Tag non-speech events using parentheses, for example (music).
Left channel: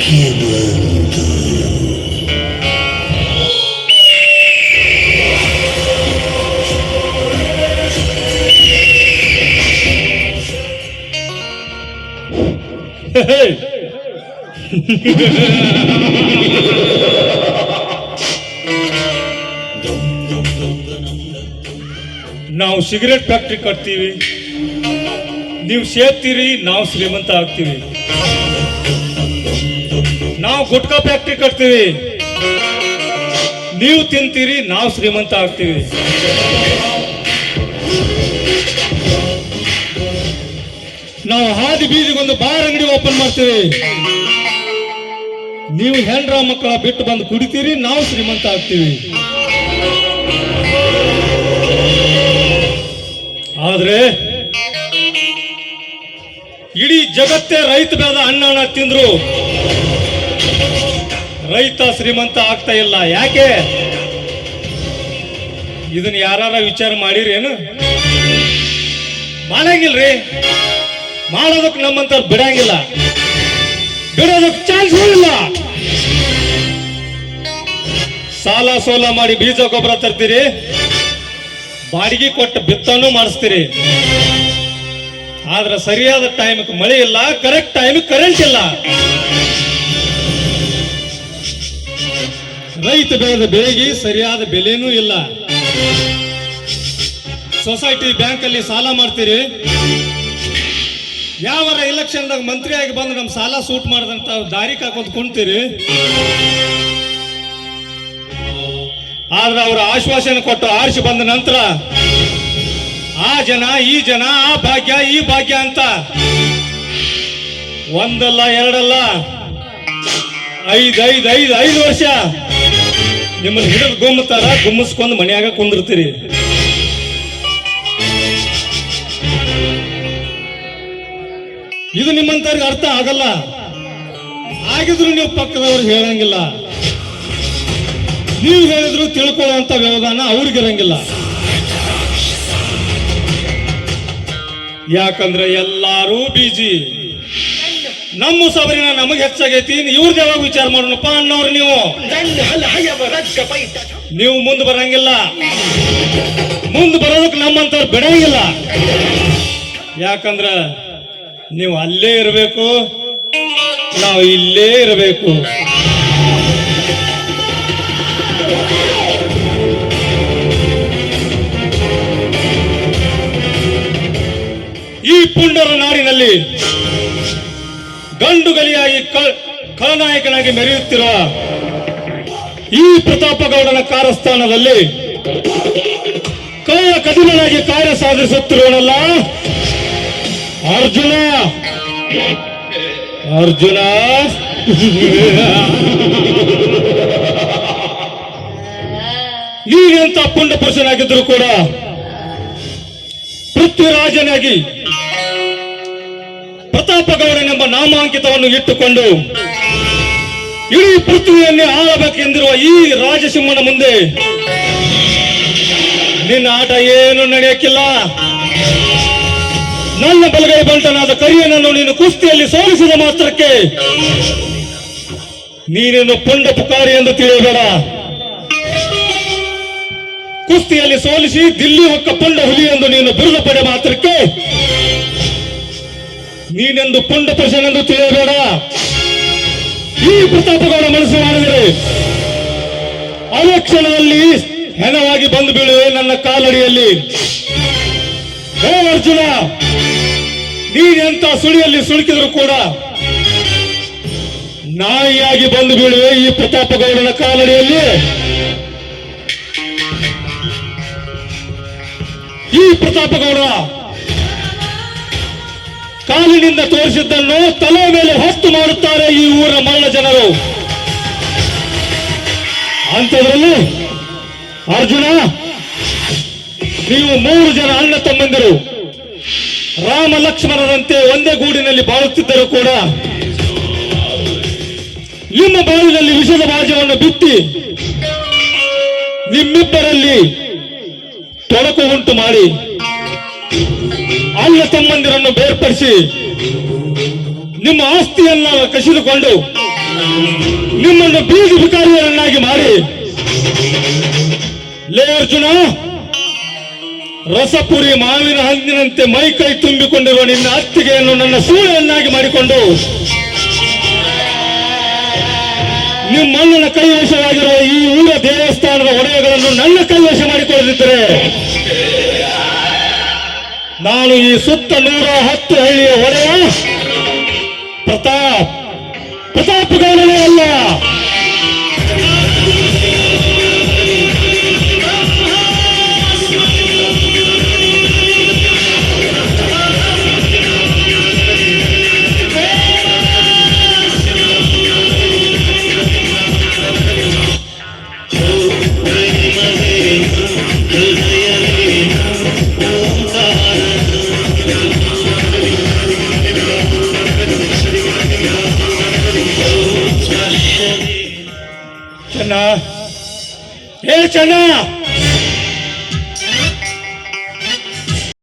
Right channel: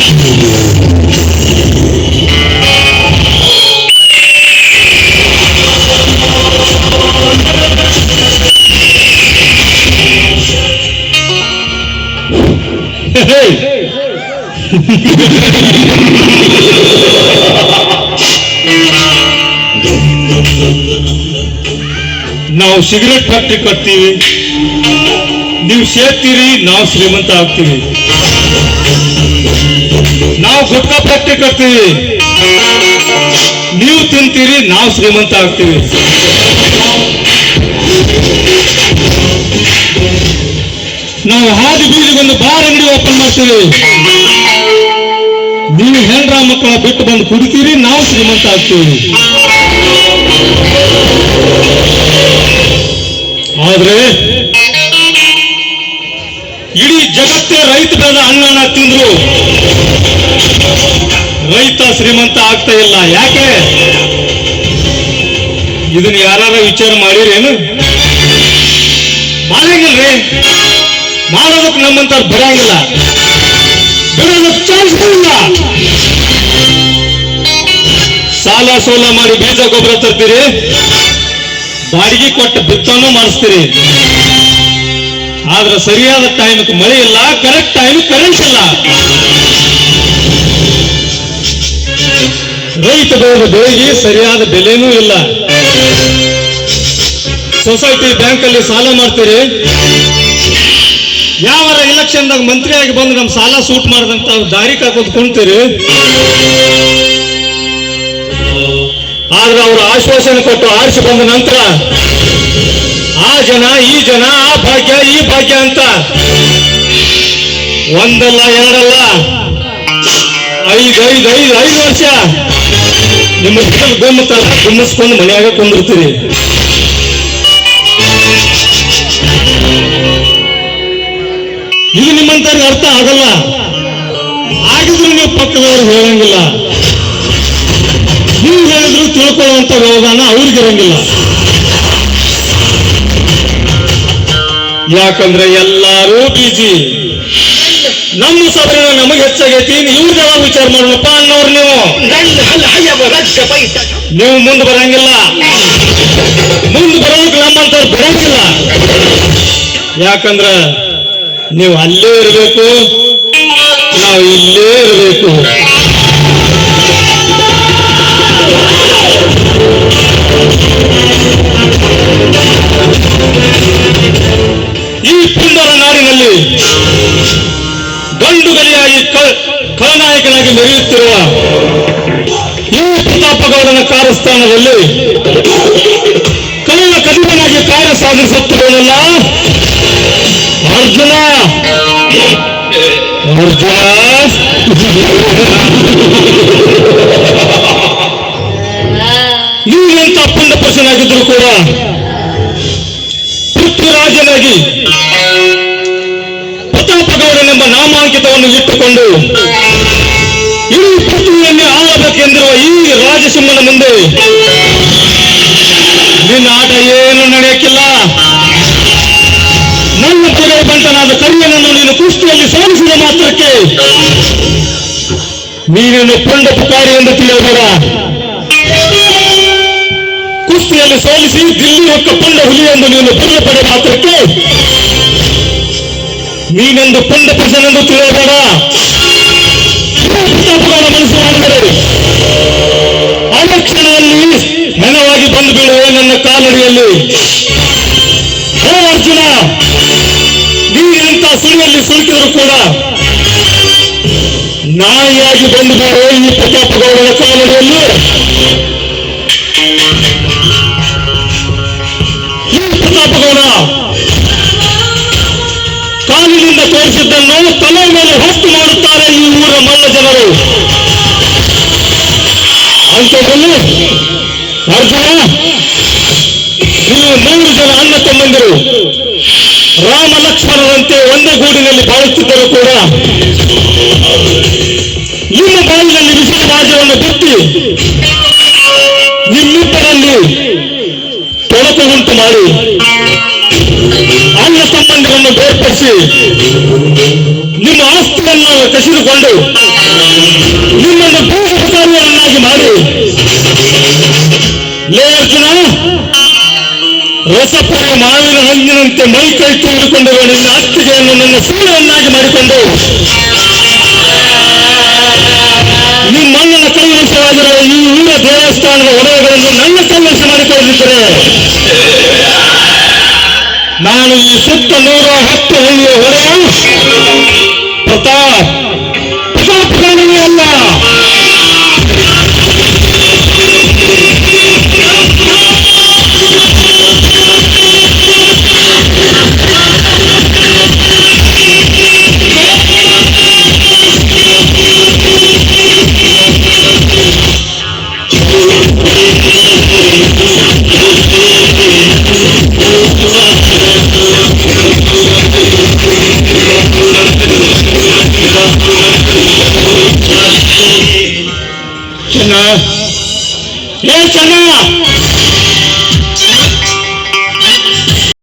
(laughs) ನಾವು cigarette factory ಕಟ್ತೀವಿ. ನೀವು ಸೇರ್ತೀರಿ ನಾವು ಶ್ರೀಮಂತ ಆಗ್ತೀವಿ. ನಾವು ಗುಟ್ಕಾ ಫ್ಯಾಕ್ಟ್ರಿ ಕಟ್ತೀವಿ. ನೀವು ತಿಂತೀರಿ, ನಾವು ಶ್ರೀಮಂತ ಆಗ್ತೀವಿ. ನಾವು ಹಾದಿ ಬೀದಿಗೊಂದು ಬಾರ್ ಅಂಗಡಿ ಓಪನ್ ಮಾಡ್ತೀವಿ. ನೀವು ಹೆಣ್ರ ಮಕ್ಕಳ ಬಿಟ್ಟು ಬಂದು ಕುಡಿತೀರಿ, ನಾವು ಶ್ರೀಮಂತ ಆಗ್ತೀವಿ. ಆದ್ರೆ, ಇಡೀ ಜಗತ್ತೇ ರೈತ ಬೆಳೆದ ಅನ್ನ ತಿಂದ್ರು. ರೈತ ಶ್ರೀಮಂತ ಆಗ್ತಾ ಇಲ್ಲ. ಯಾಕೆ? ಇದನ್ನ ಯಾರು ವಿಚಾರ ಮಾಡಿರೇನು ಮಾಡಂಗಿಲ್ರಿ. ಮಾಡೋದಕ್ಕೆ ನಮ್ಮಂತ ಬಿಡಂಗಿಲ್ಲ ಬಿಡೋದಕ್ಕೆ ಚಾನ್ಸ್ ಇಲ್ಲ. ಸಾಲ ಸೋಲ ಮಾಡಿ ಬೀಜ ಗೊಬ್ಬರ ತರ್ತೀರಿ. ಬಾಡಿಗೆ ಕೊಟ್ಟು ಬಿತ್ತನ್ನು ಮಾಡಿಸ್ತೀರಿ. ಆದ್ರೆ ಸರಿಯಾದ ಟೈಮ್ಗೆ ಮಳೆ ಇಲ್ಲ ಕರೆಕ್ಟ್ ಟೈಮ್ ಕರೆಂಟ್ ಇಲ್ಲ. ರೈತ ಬೆಳೆದ ಬೆಳೆಗೆ ಸರಿಯಾದ ಬೆಲೆನೂ ಇಲ್ಲ. ಸೊಸೈಟಿ ಬ್ಯಾಂಕ್ ಅಲ್ಲಿ ಸಾಲ ಮಾಡ್ತೀರಿ? ಯಾವರ ಇಲೆಕ್ಷನ್ದಾಗ ಮಂತ್ರಿ ಮಂತ್ರಿಯಾಗಿ ಬಂದು ನಮ್ಮ ಸಾಲ ಸೂಟ್ ಮಾಡದಂತ ದಾರಿ ಕಾಕೋದು ಕುಂತೀರಿ? ಆದ್ರೆ ಅವರು ಆಶ್ವಾಸನೆ ಕೊಟ್ಟು ಆರಿಸಿ ಬಂದ ನಂತರ ಆ ಜನ, ಈ ಜನ, ಆ ಭಾಗ್ಯ, ಈ ಭಾಗ್ಯ ಅಂತ ಒಂದಲ್ಲ ಎರಡಲ್ಲ ಐದು ಐದು ಐದು ಐದು ವರ್ಷ ನಿಮ್ಮ ಹಿಡಿದು ಗುಮ್ಮತ್ತಲ್ಲ ಗುಮ್ಮಿಸ್ಕೊಂಡು ಮನೆಯಾಗ ಕುಂದಿರ್ತೀರಿ. ಇದು ನಿಮ್ಮಂತವ್ರಿಗೆ ಅರ್ಥ ಆಗಲ್ಲ. ಆಗಿದ್ರು ನೀವು ಪಕ್ಕದವ್ರು ಹೇಳಂಗಿಲ್ಲ. ನೀವು ಹೇಳಿದ್ರು ತಿಳ್ಕೊಳ್ಳುವಂತ ವ್ಯವಧಾನ ಅವ್ರಿಗಿರಂಗಿಲ್ಲ. ಯಾಕಂದ್ರೆ ಎಲ್ಲಾರು ಬಿಜಿ ನಮ್ಮ ಸಾಧನ ನಮಗೆ ಹೆಚ್ಚಾಗೈತಿ. ಇವ್ರ ಯಾವಾಗ ವಿಚಾರ ಮಾಡೋಣಪ್ಪ ಅನ್ನೋರು ನೀವು. ನೀವು ಮುಂದೆ ಬರಂಗಿಲ್ಲ. ಮುಂದೆ ಬರೋದಕ್ಕೆ ನಮ್ಮಂತವ್ರು ಬಿಡಂಗಿಲ್ಲ ಯಾಕಂದ್ರ ನೀವು ಅಲ್ಲೇ ಇರಬೇಕು. ನಾವು ಇಲ್ಲೇ ಇರಬೇಕು. ಕ- ಖಳನಾಯಕನಾಗಿ ಮೆರೆಯುತ್ತಿರುವ ಈ ಪ್ರತಾಪಗೌಡನ ಕಾರಸ್ಥಾನದಲ್ಲಿ ಕಳ್ಳ ಕದಿಮನಾಗಿ ಕಾರ್ಯ ಸಾಧಿಸುತ್ತಿರುವುದಲ್ಲ ಅರ್ಜುನ. ಅರ್ಜುನ. ನೀವೆಂತ ಪುಂಡ ಪುರುಷನಾಗಿದ್ದರೂ ಕೂಡ ಪೃಥ್ವಿರಾಜನಾಗಿ ನಾಮಾಂಕಿತವನ್ನು ಇಟ್ಟುಕೊಂಡು ಇಡೀ ಪೃಥ್ವಿಯಲ್ಲಿ ಆಳಬೇಕೆಂದಿರುವ ಈ ರಾಜಸಿಂಹನ ಮುಂದೆ ನಿನ್ನ ಆಟ ಏನು ನಡೆಯಕ್ಕಿಲ್ಲ. ನನ್ನ ಬಲಗಡೆ ಬಂಟನಾದ ಕರಿಯನನ್ನು ನೀನು ಕುಸ್ತಿಯಲ್ಲಿ ಸೋಲಿಸಿದ ಮಾತ್ರಕ್ಕೆ ನೀನೇನು ಪುಂಡ ಪುಕಾರಿ ಎಂದು ತಿಳಿಯಬೇಡ. ಕುಸ್ತಿಯಲ್ಲಿ ಸೋಲಿಸಿ ದಿಲ್ಲಿ ಹೊಕ್ಕ ಪುಂಡ ಹುಲಿ ಎಂದು ನೀನು ಬಿರುದು ಪಡೆ ಮಾತ್ರಕ್ಕೆ ನೀನೆಂದು ಪುಂಡ ಪುರುಷನೆಂದು ತಿಳಿಯಬೇಡ. ಈ ಪ್ರತಾಪಗೌಡ ಮನಸ್ಸು ಮಾಡಿದರೆ ಅಲಕ್ಷಣದಲ್ಲಿ ಹೆಣವಾಗಿ ಬಂದು ಬೀಳುವೆ ನನ್ನ ಕಾಲಡಿಯಲ್ಲಿ. ಓ ಅರ್ಜುನ ನೀನೆಂತ ಸುಳಿಯಲ್ಲಿ ಸುಳುಕಿದ್ರು ಕೂಡ ನಾಯಿಯಾಗಿ ಬಂದು ಬೀಳುವೆ ಈ ಪ್ರತಾಪಗೌಡನ ಕಾಲಡಿಯಲ್ಲಿ. ಈ ಪ್ರತಾಪಗೌಡ ಕಾಲಿನಿಂದ ತೋರಿಸಿದ್ದನ್ನು ತಲೆ ಮೇಲೆ ಹೊತ್ತು ಮಾಡುತ್ತಾರೆ ಈ ಊರ ಮಲ್ಲ ಜನರು. ಅಂಥದ್ರಲ್ಲಿ ಅರ್ಜುನ, ನೀವು ಮೂರು ಜನ ಅಣ್ಣ ತಮ್ಮಂದಿರು, ರಾಮ ಲಕ್ಷ್ಮಣರಂತೆ ಒಂದೇ ಗೂಡಿನಲ್ಲಿ ಬಾಳುತ್ತಿದ್ದರೂ ಕೂಡ ನಿಮ್ಮ ಬಾಳಿನಲ್ಲಿ ವಿಷದ ಬಾಜವನ್ನು ಬಿತ್ತಿ ನಿಮ್ಮಿಬ್ಬರಲ್ಲಿ ತೊಡಕು ಉಂಟು ಮಾಡಿ. ಸಂಬಂಧವನ್ನು ಬೇರ್ಪಡಿಸಿ ನಿಮ್ಮ ಆಸ್ತಿಯನ್ನು ಕಸಿದುಕೊಂಡು ನಿಮ್ಮನ್ನು ಬೀಜಕಾರಿಯನ್ನಾಗಿ ಮಾಡಿ. ಲೇ ಅರ್ಜುನ, ರಸಪುರಿ ಮಾವಿನ ಹಣ್ಣಿನಂತೆ ಮೈ ಕೈ ತುಂಬಿಕೊಂಡಿರುವ ನಿನ್ನ ಆಸ್ತಿಗೆಯನ್ನು ನನ್ನ ಸೂರ್ಯವನ್ನಾಗಿ ಮಾಡಿಕೊಂಡು ನಿಮ್ಮಣ್ಣನ ಕೈವಶವಾಗಿರುವ ಈ ಊರ ದೇವಸ್ಥಾನದ ಒಡೆಯಗಳನ್ನು ನನ್ನ ನಾನು ಈ ಸುತ್ತ ನೂರ ಹತ್ತು ಹಳ್ಳಿಯ ಹೊರೆ. ಪ್ರತಾಪ್ chana. Hey, chana!